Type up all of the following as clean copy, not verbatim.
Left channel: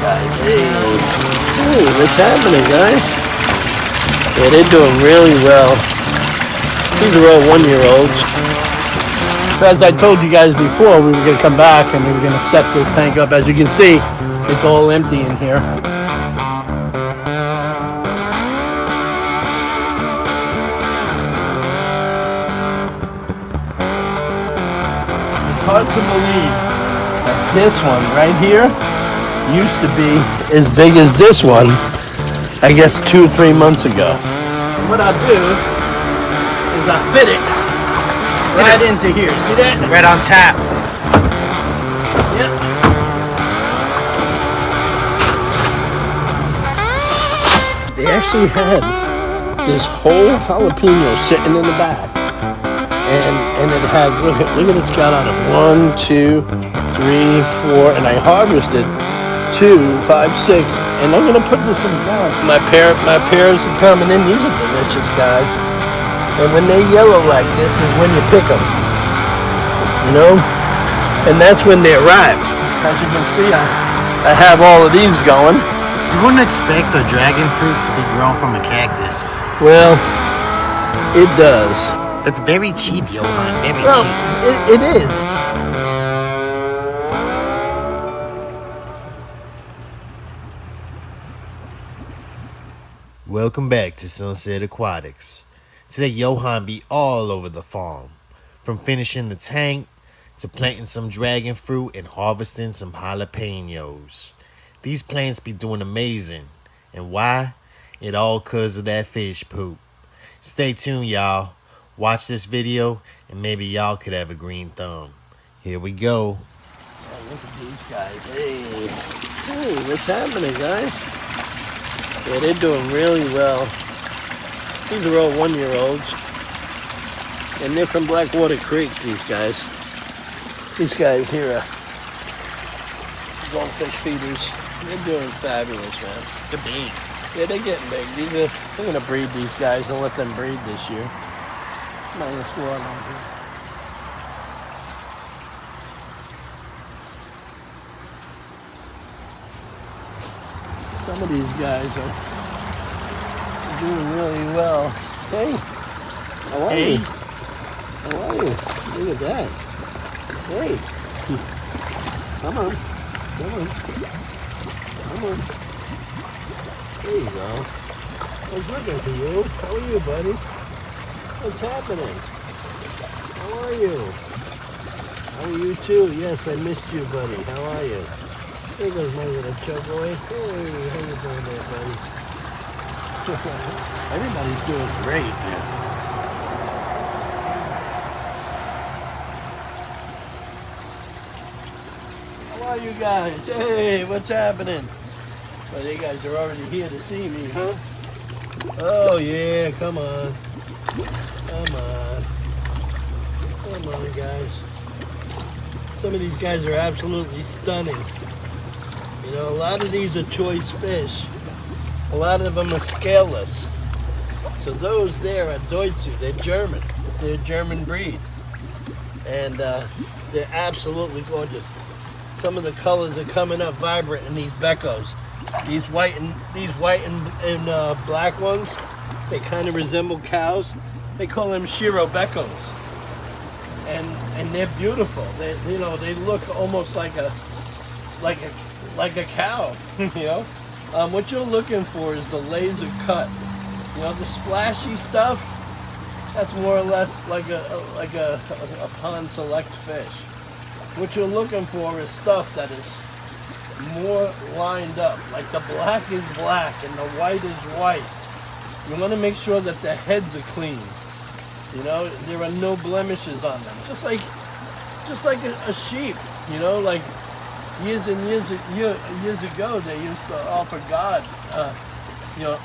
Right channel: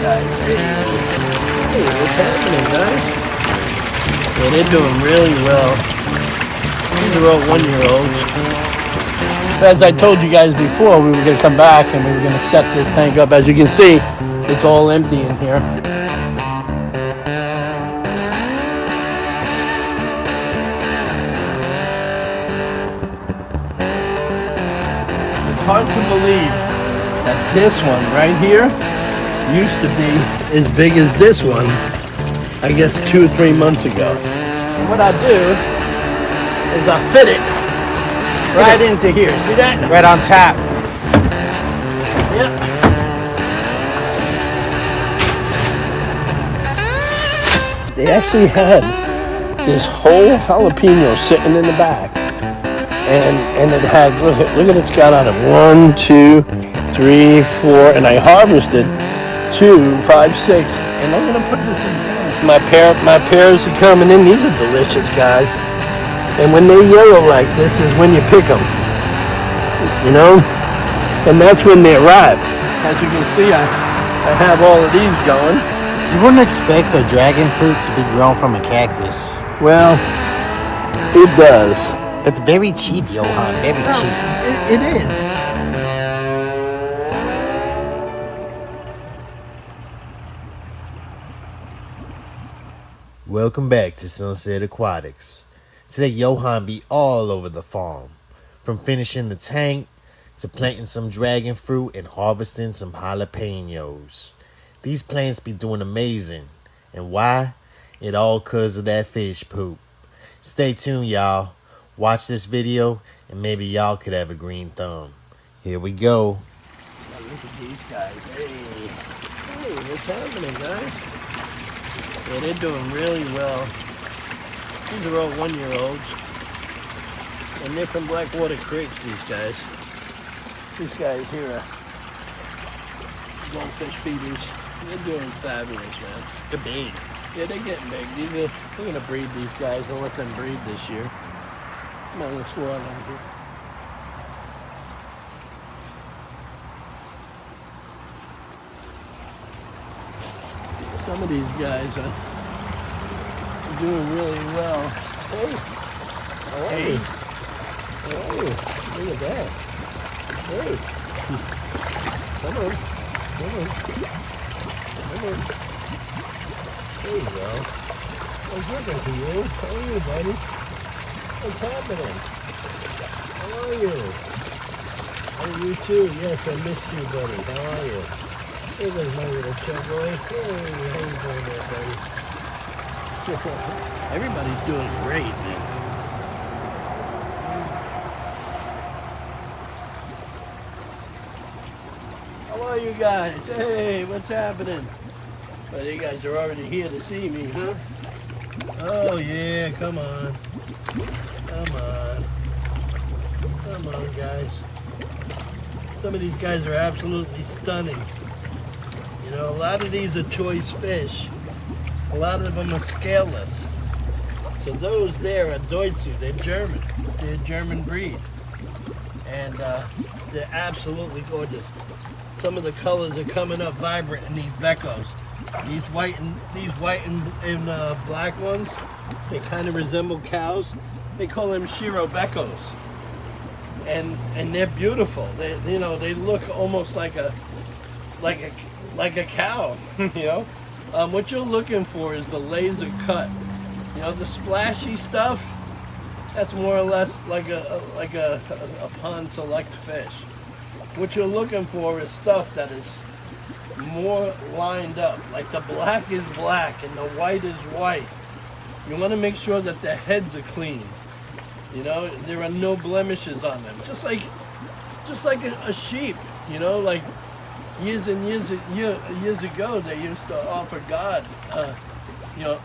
guys. Hey, what's happening, guys? Yeah, they're doing really well. These are all 1-year-olds. As I told you guys before, we were going to come back and we were going to set this tank up. As you can see, it's all empty in here. It's hard to believe that this one right here used to be as big as this one, I guess 2 or 3 months ago. And what I do is I fit it right into here. See that? Right on tap. Yep. They actually had this whole jalapeno sitting in the back. And it had, look at it's got out of 1, 2, 3, 4, and I harvested 2, 5, 6, and I'm gonna put this in down. My parents are coming in. These are delicious, guys. And when they yellow like this is when you pick them, you know, and that's when they arrive. As you can see, I have all of these going. You wouldn't expect a dragon fruit to be grown from a cactus. Well, it does. It's very cheap, Johan. Very cheap. It is. Welcome back to Sunset Aquatics. Today, Johan be all over the farm. From finishing the tank to planting some dragon fruit and harvesting some jalapeños. These plants be doing amazing. And why? It all 'cause of that fish poop. Stay tuned, y'all. Watch this video and maybe y'all could have a green thumb. Here we go. Oh, look at these guys. Hey, what's happening, guys? Yeah, they're doing really well. These are all 1-year-olds. And they're from Blackwater Creek, these guys. These guys here are goldfish feeders. They're doing fabulous, man. They're big. Yeah, they're getting big. They're going to breed these guys and let them breed this year. Minus 4 of them here. Some of these guys are doing really well. Hey, how are you? How are you? Look at that. Hey, come on, come on, come on. There you go. I was looking for you. How are you, buddy? What's happening? How are you? Oh, you too. Yes, I missed you, buddy. How are you? There goes my little chug boy. Hey, how you doing there, buddy? Everybody's doing great, man. How are you guys? Hey, what's happening? Well, you guys are already here to see me, huh? Oh, yeah, come on. Come on. Come on, guys. Some of these guys are absolutely stunning. You know, a lot of these are choice fish. A lot of them are scaleless. So those there are Deutsche. They're German. They're a German breed. And they're absolutely gorgeous. Some of the colors are coming up vibrant in these Beckos. These white and black ones, they kind of resemble cows. They call them Shiro Beckos. And they're beautiful. They look almost like a cow, you know. What you're looking for is the laser cut. You know, the splashy stuff. That's more or less like a pond select fish. What you're looking for is stuff that is more lined up. Like the black is black and the white is white. You want to make sure that the heads are clean. You know, there are no blemishes on them. Just like a sheep. You know, like years and years ago, they used to offer God,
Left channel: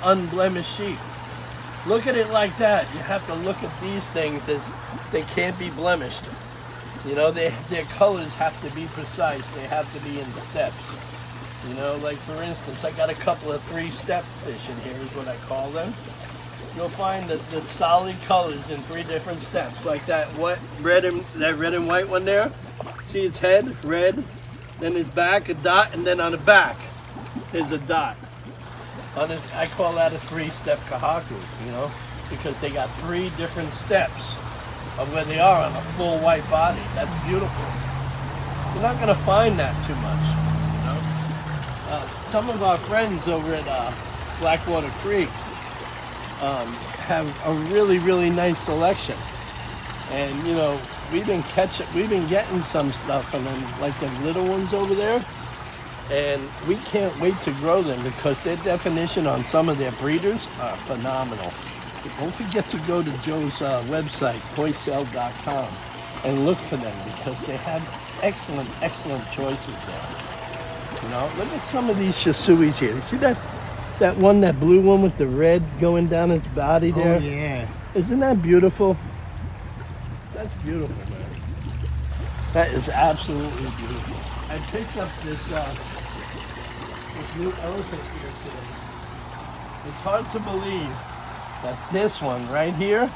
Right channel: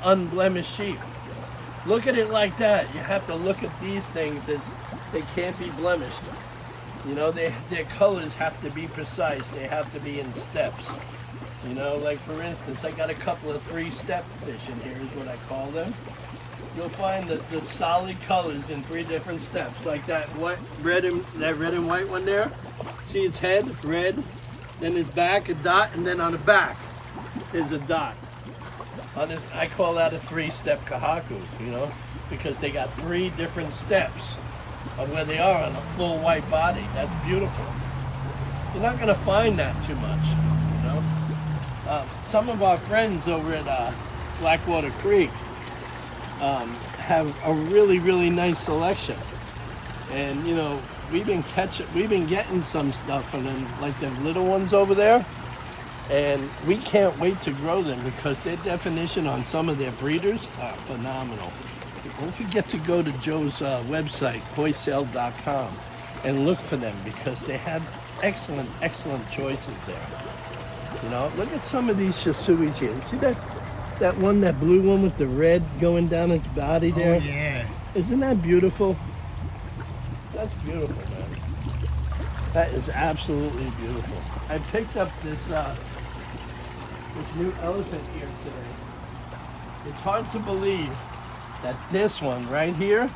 unblemished sheep. Look at it like that. You have to look at these things as they can't be blemished. You know, their colors have to be precise. They have to be in steps. You know, like for instance, I got a couple of 3-step fish in here, is what I call them. You'll find the solid colors in 3 different steps, like that red and white one there. See its head, red, then its back, a dot, and then on the back. is a dot. I call that a 3-step kahaku, you know, because they got 3 different steps of where they are on a full white body. That's beautiful. You're not going to find that too much, you know. Some of our friends over at Blackwater Creek have a really, really nice selection. And, you know, we've been getting some stuff from them, like the little ones over there. And we can't wait to grow them because their definition on some of their breeders are phenomenal. Don't forget to go to Joe's website, koisale.com, and look for them because they have excellent, excellent choices there. You know, look at some of these shisuis here. You see that one, that blue one with the red going down its body there? Oh, yeah. Isn't that beautiful? That's beautiful, man. That is absolutely beautiful. I picked up this new elephant here today. It's hard to believe that this one right here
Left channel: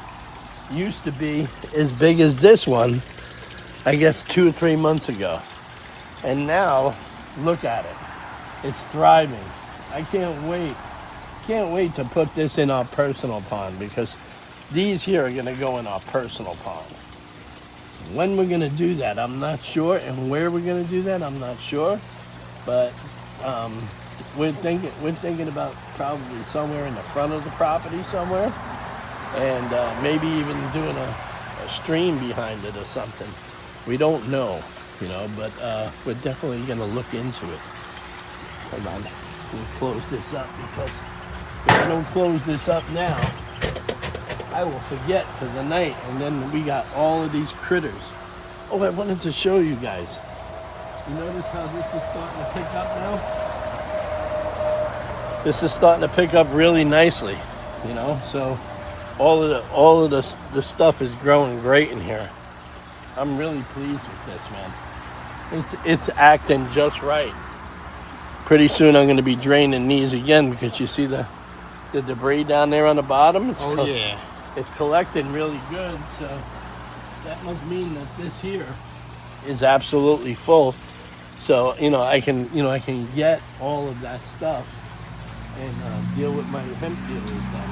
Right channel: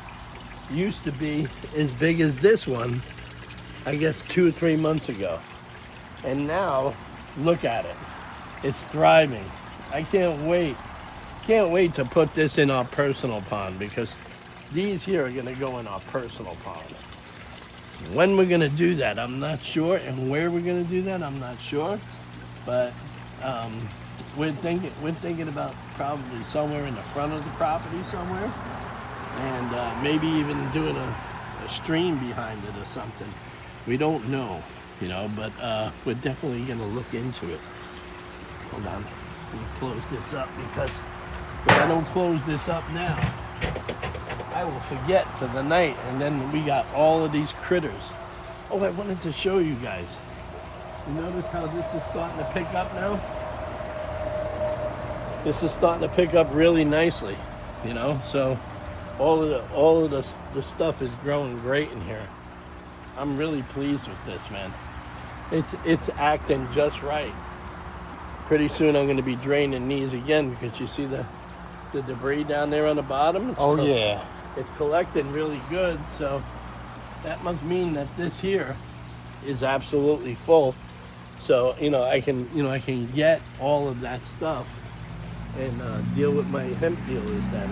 used to be as big as this one, I guess 2 or 3 months ago. And now, look at it. It's thriving. I can't wait to put this in our personal pond because these here are gonna go in our personal pond. When we're gonna do that, I'm not sure, and where we're gonna do that, I'm not sure. But we're thinking about probably somewhere in the front of the property somewhere, and maybe even doing a stream behind it or something. We don't know, you know, but we're definitely gonna look into it. Hold on, we'll close this up because if I don't close this up now, I will forget to the night, and then we got all of these critters. Oh, I wanted to show you guys. You notice how this is starting to pick up now? This is starting to pick up really nicely, you know? So all of the stuff is growing great in here. I'm really pleased with this, man. It's acting just right. Pretty soon I'm going to be draining these again because you see the debris down there on the bottom? Yeah. It's collecting really good, so that must mean that this here is absolutely full. So, you know, I can get all of that stuff and deal with my hemp dealers then.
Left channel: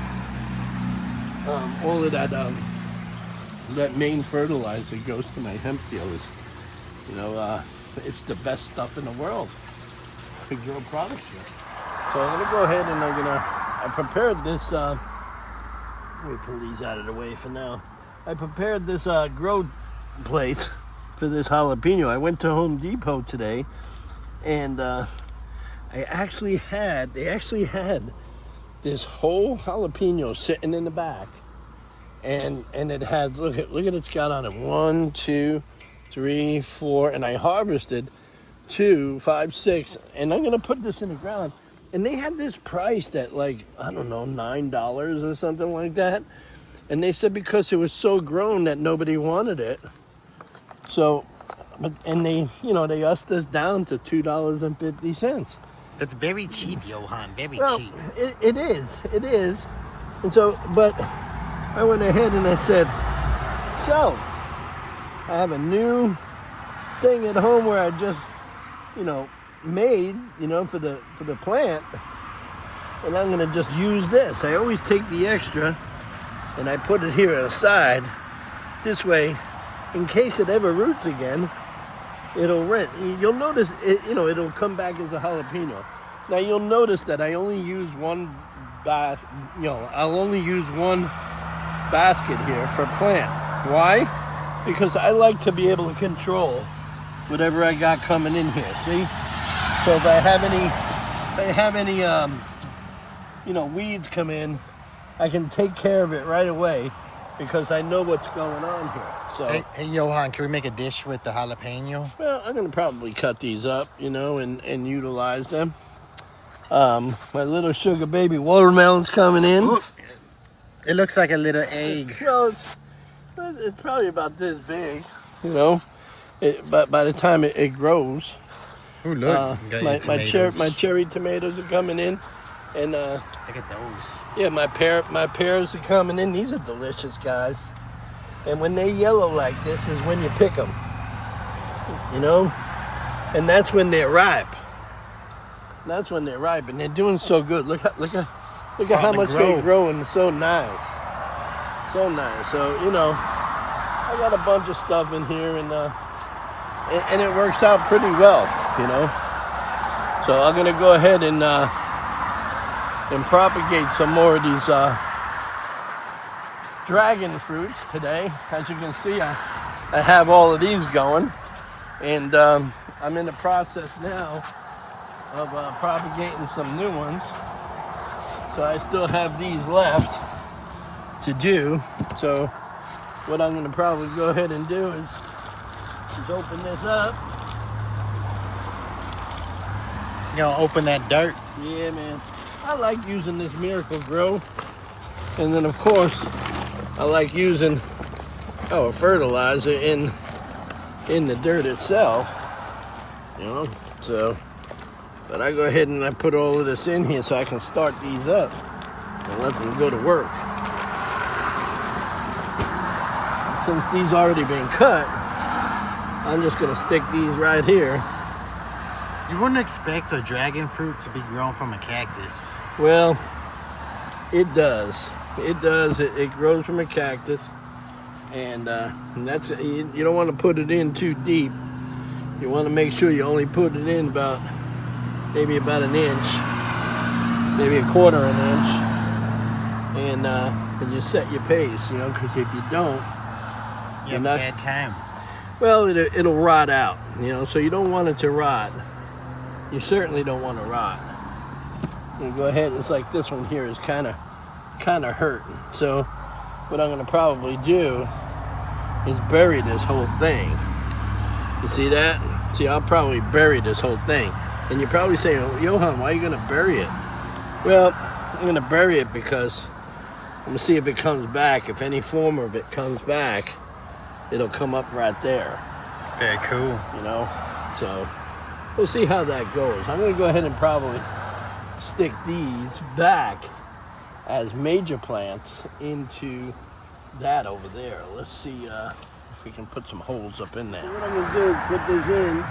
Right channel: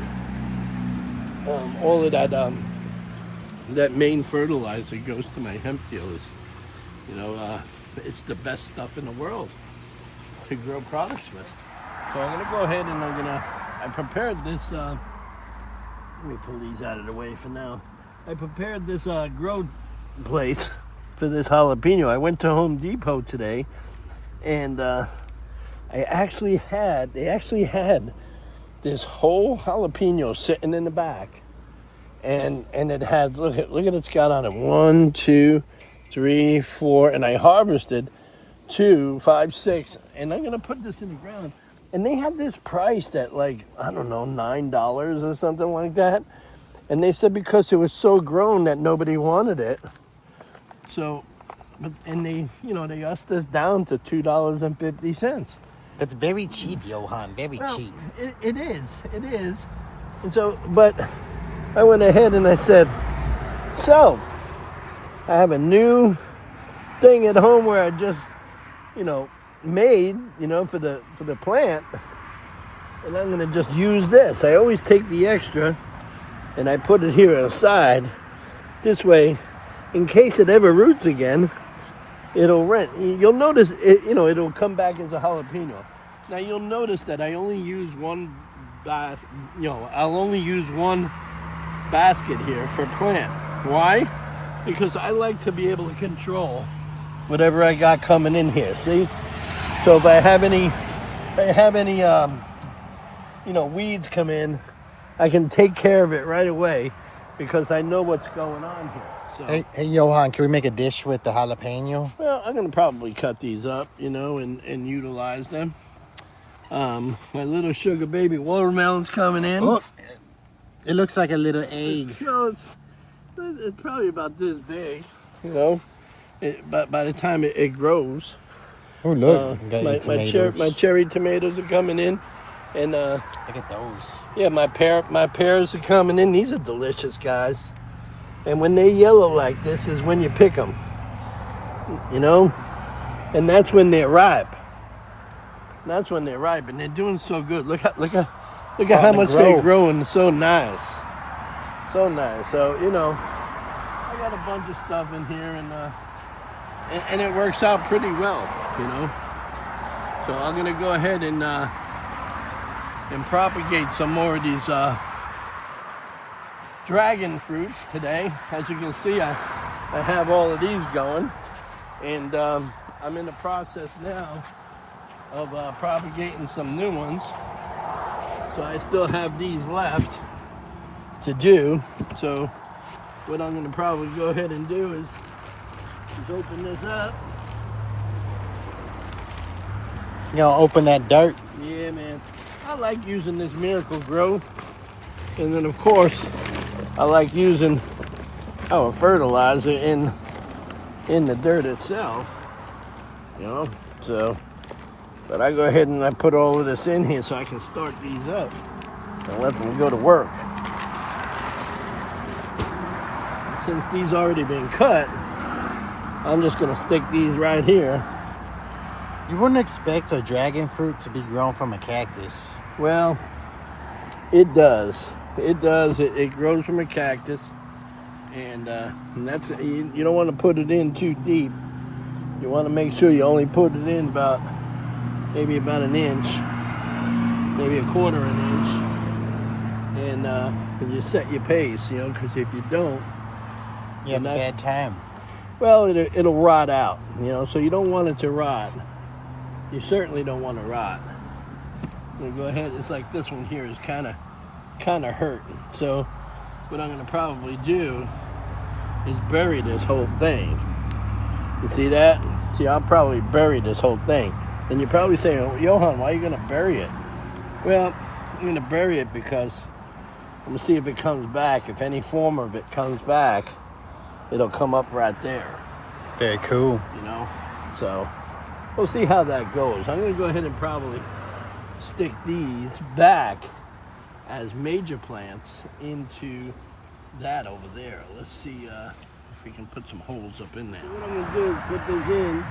All of that main fertilizer goes to my hemp dealers. You know, it's the best stuff in the world to grow products with. So I'm gonna go ahead and I prepared this, let me pull these out of the way for now. I prepared this grow place for this jalapeno. I went to Home Depot today, and they actually had this whole jalapeno sitting in the back, and it had, look at it's got on it 1, 2, 3, 4, and I harvested 2, 5, 6, and I'm gonna put this in the ground. And they had this priced at like, I don't know, $9 or something like that. And they said because it was so grown that nobody wanted it. So, and they ussed us down to $2.50. That's very cheap, Johan. Very cheap. It is. And so, but I went ahead and I said, so, I have a new thing at home where I just, made, for the plant, and I'm gonna just use this. I always take the extra and I put it here aside. This way, in case it ever roots again, it'll rent. You'll notice it, it'll come back as a jalapeno. Now you'll notice that I only use one I'll only use one basket here for plant. Why? Because I like to be able to control whatever I got coming in here. See? So if I have any weeds come in, I can take care of it right away because I know what's going on here. So Hey Johan, can we make a dish with the jalapeno? well, I'm gonna probably cut these up, and utilize them. My little sugar baby watermelon's coming in. Oh, it looks like a little egg. Well, it's probably about this big, but by the time it grows. Oh look, my cherry tomatoes are coming in, and look at those. yeah, my pears are coming in. These are delicious, guys. And when they yellow like this is when you pick them, and that's when they're ripe. That's when they're ripe, and they're doing so good. Look at how Starting to much grow. they're growing. So nice, so nice. So you know, I got a bunch of stuff in here, and it works out pretty well. You know, so I'm gonna go ahead and propagate some more of these dragon fruits today. As you can see, I have all of these going, and I'm in the process now of propagating some new ones. So I still have these left to do. So what I'm going to probably go ahead and do is open this up. You gonna open that dirt? Yeah, man. I like using this Miracle Grow, and then of course I like using our fertilizer in the dirt itself. You know, so. But I go ahead and I put all of this in here so I can start these up and let them go to work. Since these already been cut, I'm just gonna stick these right here. You wouldn't expect a dragon fruit to be grown from a cactus. Well, it does. It does. It grows from a cactus, and that's you don't want to put it in too deep. You want to make sure you only put it in maybe about an inch, maybe a quarter of an inch, and you set your pace, you know, because if you don't, You have a bad time. well, it'll rot out, you know, so you don't want it to rot. You certainly don't want to rot. You go ahead, it's like this one here is kind of hurting. So what I'm going to probably do is bury this whole thing. You see that? See, I'll probably bury this whole thing. And you're probably saying, oh, Johan, why are you going to bury it? Well, I'm going to bury it because I'm going to see if it comes back. If any form of it comes back, it'll come up right there. Very cool. You know? So we'll see how that goes. I'm going to go ahead and probably stick these back as major plants into that over there. Let's see if we can put some holes up in there. So what I'm going to do is put this in.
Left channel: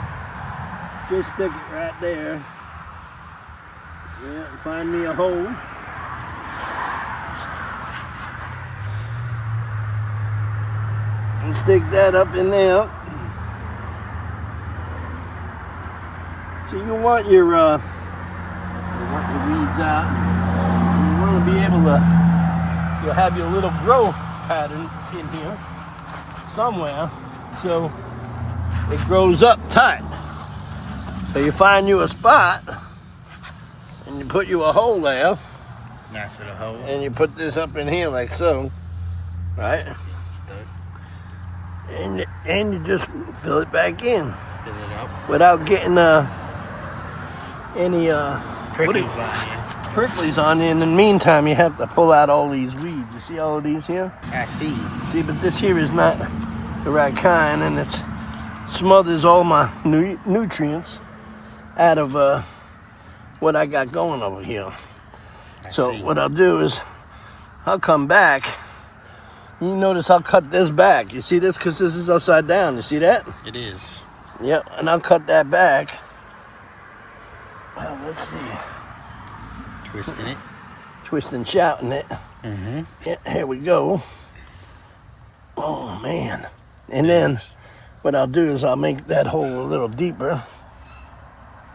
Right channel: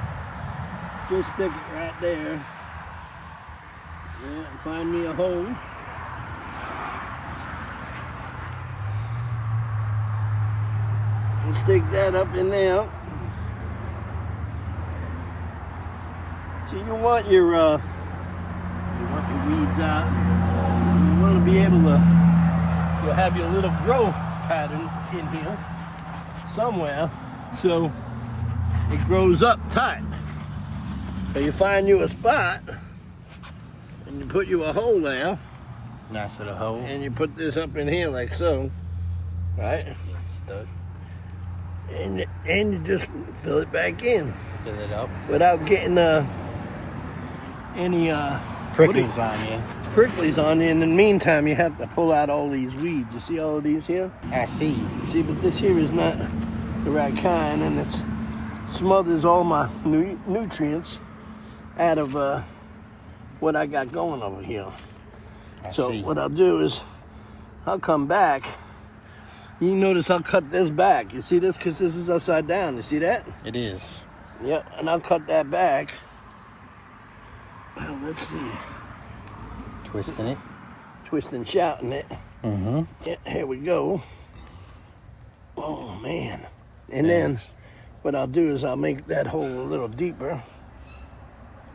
Just stick it right there. Yeah, find me a hole. And stick that up in there. So you want your weeds out. You want to be able to, you'll have your little growth pattern in here somewhere, so it grows up tight. So you find you a spot, and you put you a hole there. Nice little hole. And you put this up in here like so, right? Stuck. And you just fill it back in. Fill it up. Without getting any Pricklies on you. pricklies on you. In the meantime, you have to pull out all these weeds. You see all of these here? I see. See, but this here is not the right kind, and it smothers all my nutrients out of what I got going over here. I So see. what I'll do is I'll come back. You notice I'll cut this back. You see this? Because this is upside down. You see that? It is. Yep, and I'll cut that back. Well, let's see. Twisting it. Twisting, shouting it. Mm-hmm. Yeah, here we go. Oh, man. And then what I'll do is I'll make that hole a little deeper.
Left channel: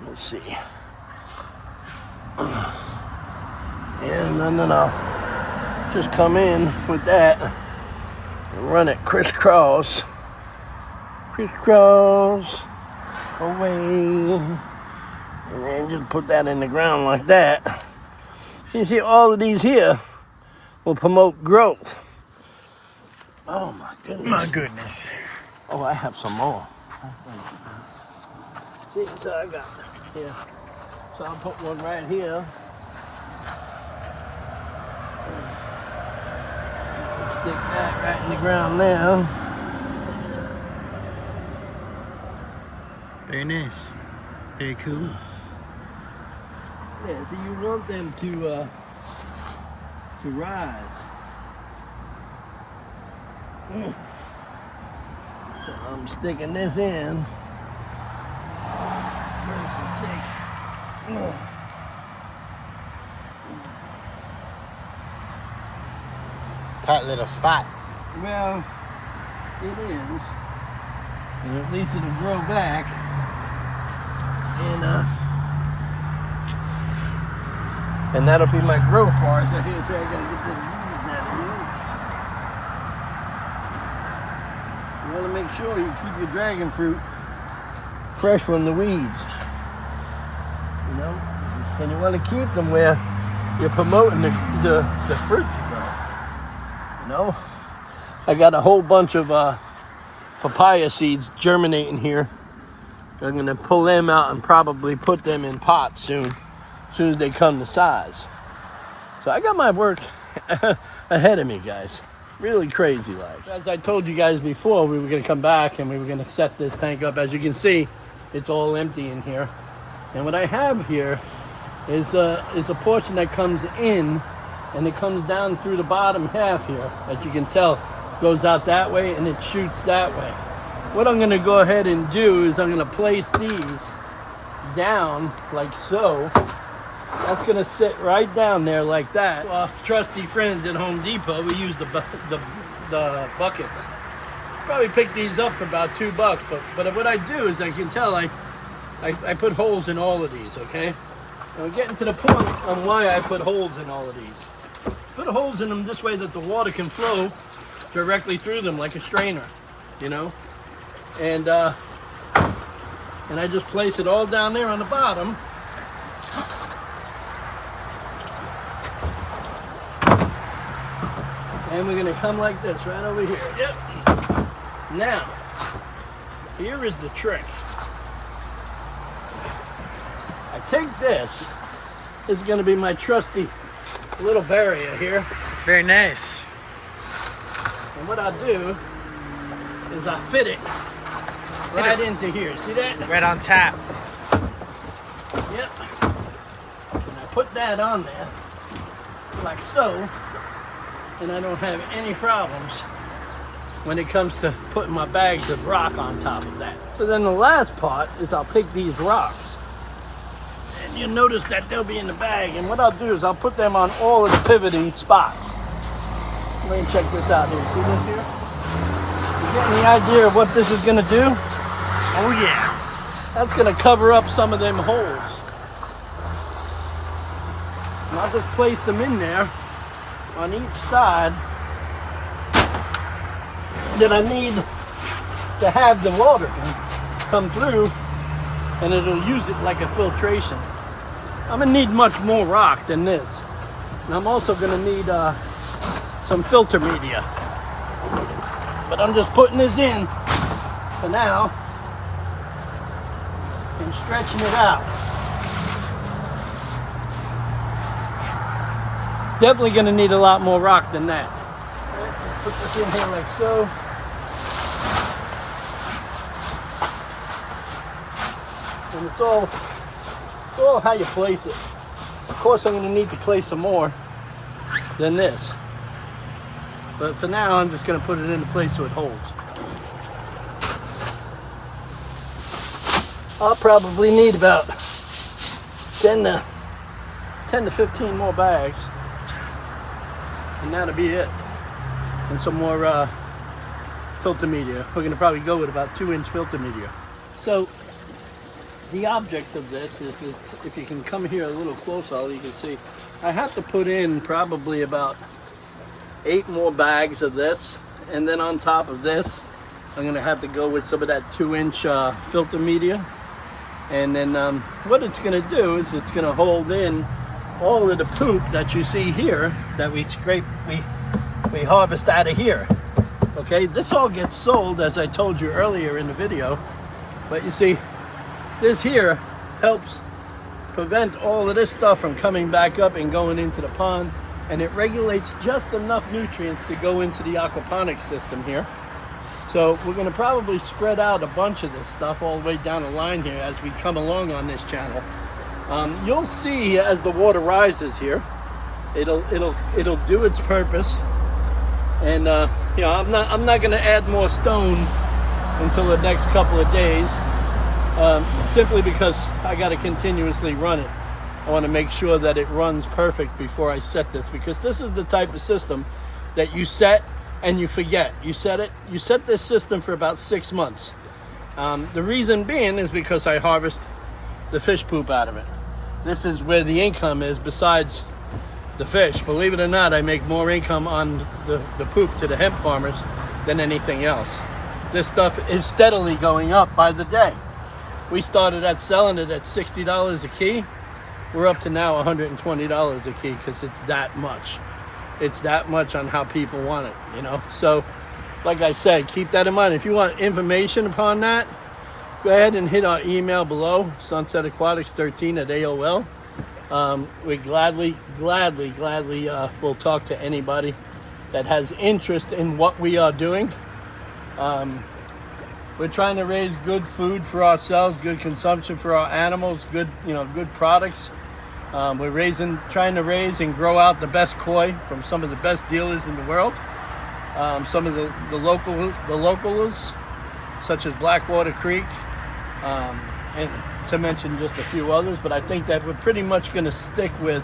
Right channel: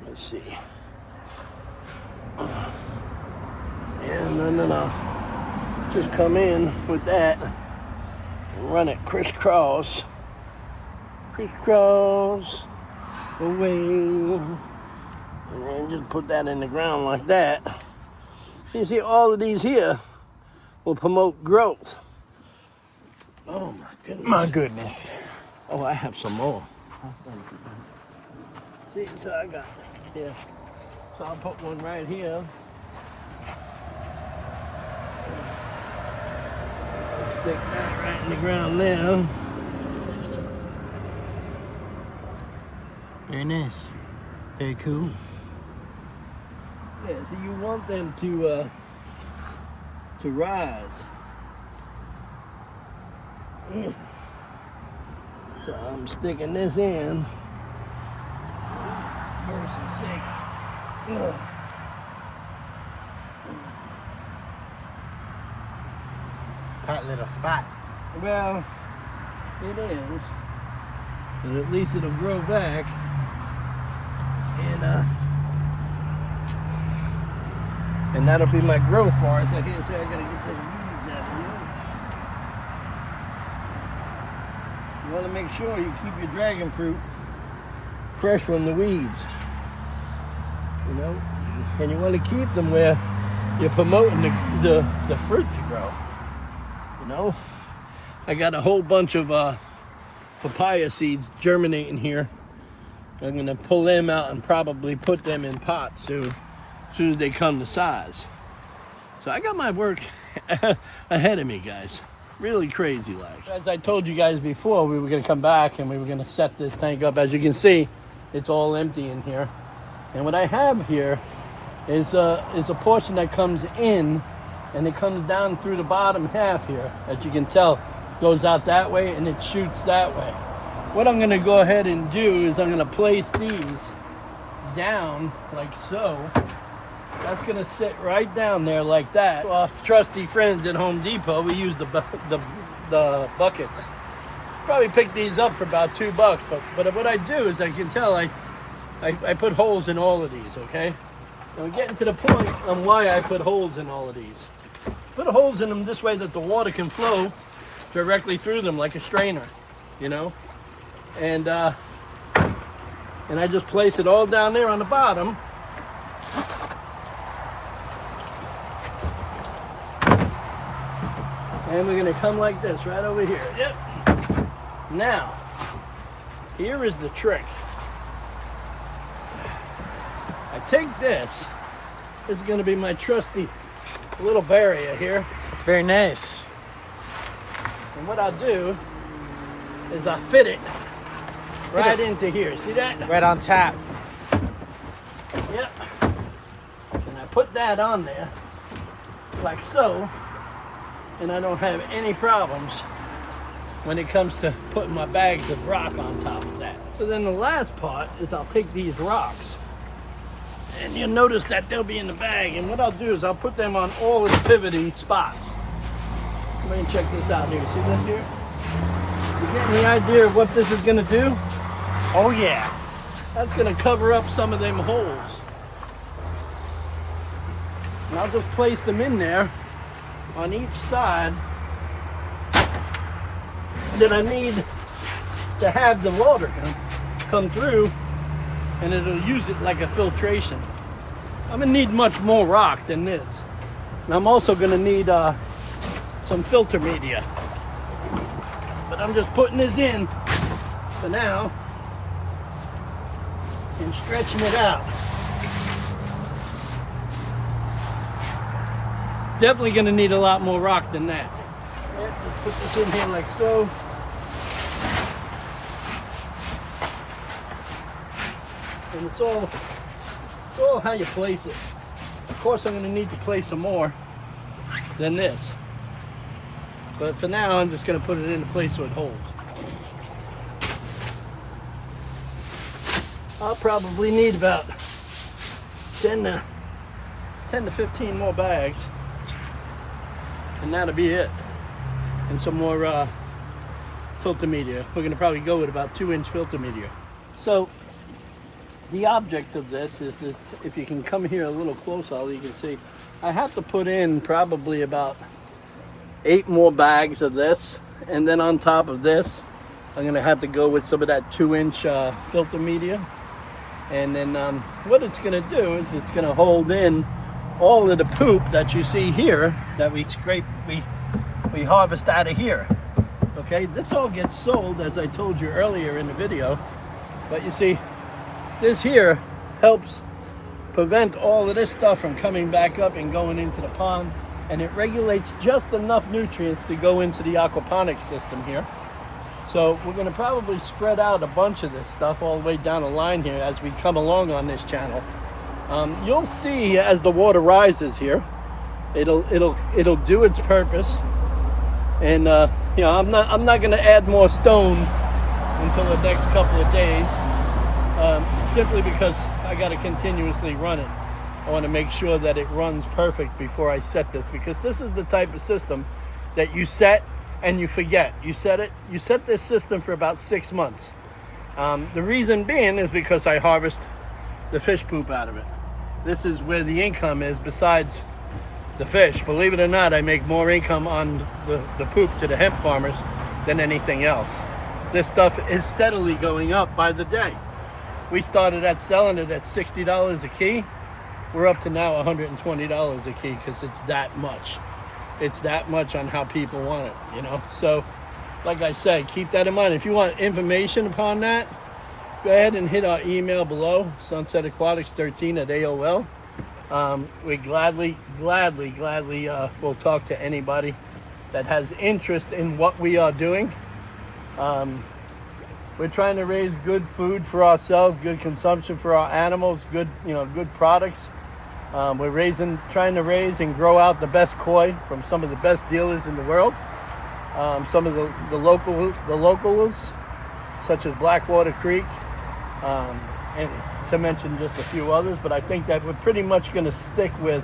Let's see. And then I'll just come in with that and run it crisscross away, and then just put that in the ground like that. You see, all of these here will promote growth. Oh my goodness. My goodness. Oh, I have some more. See, so I got here. So I'll put one right here. Stick that right in the ground now. Very nice. Very cool. Yeah, so you want them to rise. So I'm sticking this in. Mercy's sake. Tight little spot. Well, it is. And at least it'll grow back. And that'll be my growth bar. So here, so I gotta get those weeds out of here. You want to make sure you keep your dragon fruit fresh from the weeds. You know, and you want to keep them where you're promoting the fruit to grow. You know, I got a whole bunch of papaya seeds germinating here. I'm gonna pull them out and probably put them in pots soon as they come to size. So I got my work ahead of me, guys. Really crazy like. As I told you guys before, we were gonna come back and we were gonna set this tank up. As you can see, it's all empty in here. And what I have here is a portion that comes in and it comes down through the bottom half here. As you can tell, goes out that way and it shoots that way. What I'm gonna go ahead and do is I'm gonna place these down like so. That's gonna sit right down there like that. Well, trusty friends at Home Depot, we use the buckets. Probably pick these up for about $2, but what I do is, I can tell, I put holes in all of these, okay? And we're getting to the point on why I put holes in all of these. Put holes in them this way that the water can flow directly through them like a strainer, you know? And I just place it all down there on the bottom. And we're gonna come like this, right over here. Yep. Now, here is the trick. I take this. This is gonna be my trusty little barrier here. It's very nice. And what I'll do is I fit it right into here. See that? Right on tap. Yep. And I put that on there like so, and I don't have any problems when it comes to putting my bags of rock on top of that. But then the last part is I'll take these rocks, and you'll notice that they'll be in the bag, and what I'll do is I'll put them on all of the pivoting spots. Let me check this out here. See this here? You getting the idea of what this is gonna do? Oh yeah. That's gonna cover up some of them holes. And I'll just place them in there on each side that I need to have the water come through, and it'll use it like a filtration. I'm gonna need much more rock than this. And I'm also gonna need some filter media. But I'm just putting this in for now and stretching it out. Definitely going to need a lot more rock than that. Let's put this in here like so. And it's all how you place it. Of course, I'm going to need to place some more than this. But for now, I'm just going to put it into place so it holds. I'll probably need about 10 to 15 more bags. And that'll be it. And some more filter media. We're gonna probably go with about 2-inch filter media. So the object of this is if you can come here a little closer, all you can see, I have to put in probably about 8 more bags of this. And then on top of this, I'm gonna have to go with some of that 2-inch filter media. And then what it's gonna do is it's gonna hold in all of the poop that you see here that we harvest out of here. Okay, this all gets sold, as I told you earlier in the video. But you see, this here helps prevent all of this stuff from coming back up and going into the pond, and it regulates just enough nutrients to go into the aquaponics system here. So we're going to probably spread out a bunch of this stuff all the way down the line here as we come along on this channel. You'll see as the water rises here, it'll do its purpose, and you know, I'm not going to add more stone until the next couple of days, simply because I got to continuously run it. I want to make sure that it runs perfect before I set this, because this is the type of system that you set and you forget. You set this system for about 6 months. The reason being is because I harvest the fish poop out of it. This is where the income is besides the fish. Believe it or not, I make more income on the poop to the hemp farmers than anything else. This stuff is steadily going up by the day. We started at selling it at $60 a key. We're up to now $120 a key because it's that much. It's that much on how people want it, you know? So, like I said, keep that in mind. If you want information upon that, go ahead and hit our email below, sunsetaquatics13@AOL. We gladly will talk to anybody that has interest in what we are doing. We're trying to raise good food for ourselves, good consumption for our animals, good products. We're trying to raise and grow out the best koi from some of the best dealers in the world. Some of the locals, such as Blackwater Creek, and to mention just a few others. But I think that we're pretty much going to stick with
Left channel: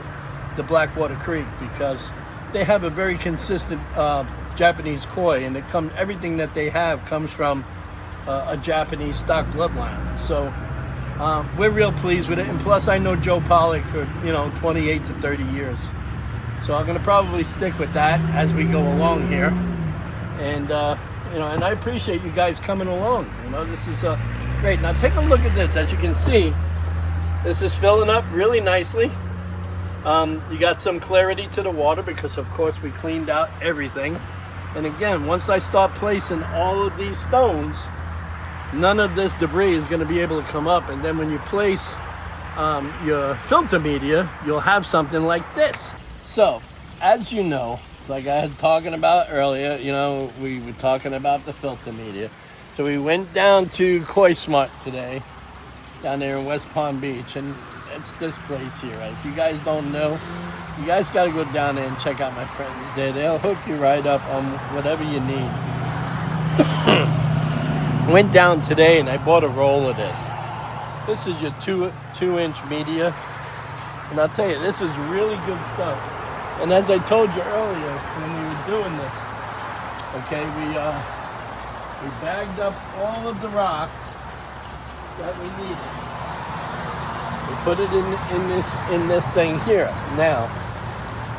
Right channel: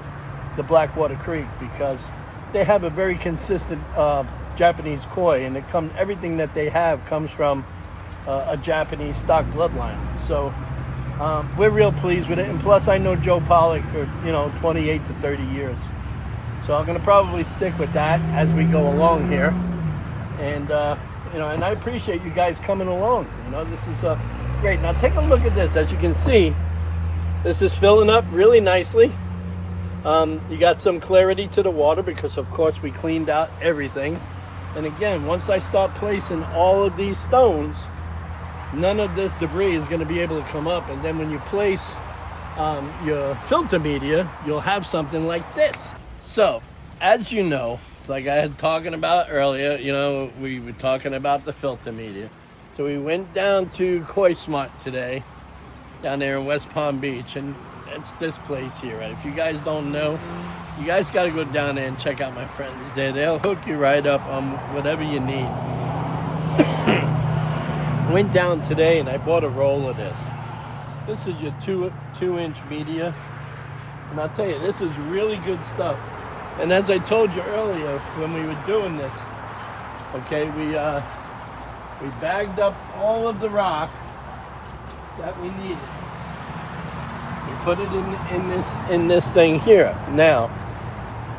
the Blackwater Creek because they have a very consistent Japanese koi, and everything that they have comes from a Japanese stock bloodline. So we're real pleased with it, and plus I know Joe Pollock for 28 to 30 years, so I'm going to probably stick with that as we go along here. And and I appreciate you guys coming along. This is great. Now take a look at this. As you can see, this is filling up really nicely. You got some clarity to the water because of course we cleaned out everything. And again, once I start placing all of these stones, none of this debris is going to be able to come up. And then when you place your filter media, you'll have something like this. So, as you know, like I had talking about earlier, we were talking about the filter media. So we went down to Koi Smart today, down there in West Palm Beach, and it's this place here. Right? If you guys don't know, you guys got to go down there and check out my friends there. They'll hook you right up on whatever you need. Went down today and I bought a roll of this. This is your two-inch media, and I'll tell you, this is really good stuff. And as I told you earlier when we were doing this, okay, we bagged up all of the rock that we needed. We put it in this thing here. Now,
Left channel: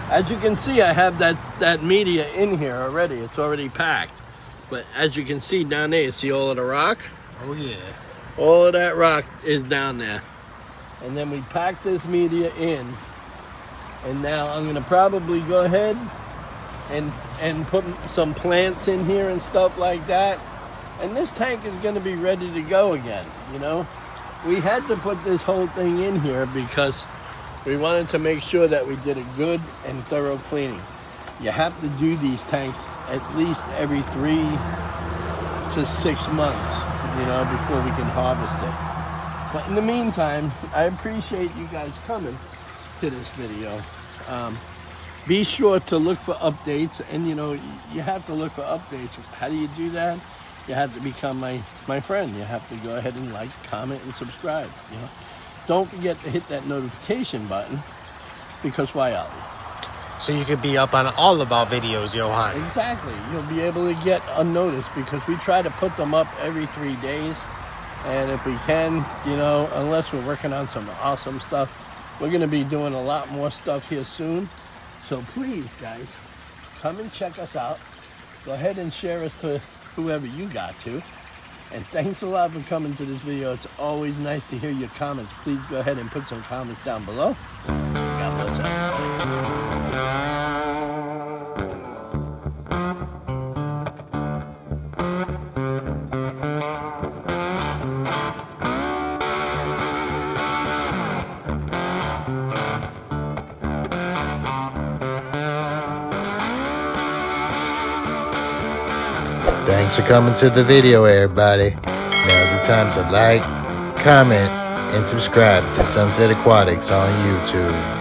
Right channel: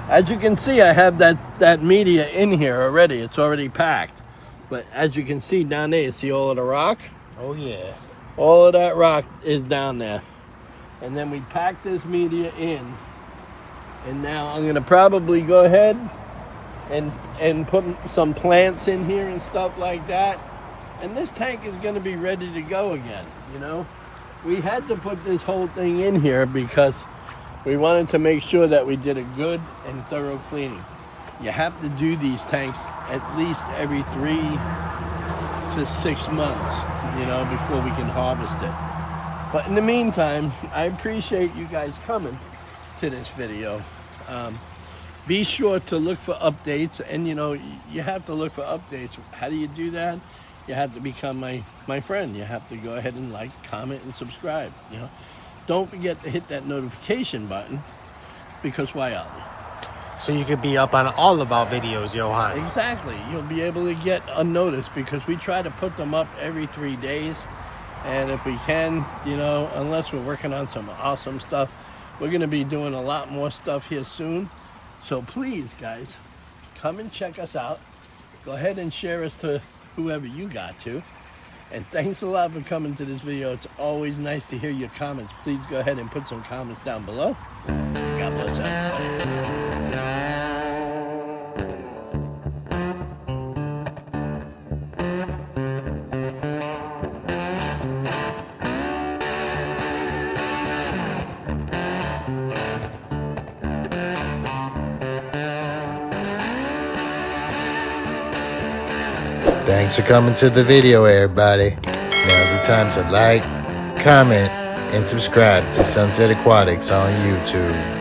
as you can see, I have that media in here already. It's already packed. But as you can see down there, you see all of the rock? Oh yeah. All of that rock is down there. And then we packed this media in. And now I'm gonna probably go ahead and put some plants in here and stuff like that. And this tank is gonna be ready to go again, We had to put this whole thing in here because we wanted to make sure that we did a good and thorough cleaning. You have to do these tanks at least every 3 to 6 months, before we can harvest it. But in the meantime, I appreciate you guys coming to this video. Be sure to look for updates, and you have to look for updates. How do you do that? You have to become my friend. You have to go ahead and like, comment, and subscribe. Don't forget to hit that notification button, because why else? So you can be up on all of our videos, Johan. Exactly. You'll be able to get a notice because we try to put them up every 3 days. And if we can, unless we're working on some awesome stuff, we're going to be doing a lot more stuff here soon. So please, guys, come and check us out. Go ahead and share us to whoever you got to. And thanks a lot for coming to this video. It's always nice to hear your comments. Please go ahead and put some comments down below. God bless everybody. Thanks for coming to the video, everybody. Now's the time to like, comment, and subscribe to Sunset Aquatics on YouTube.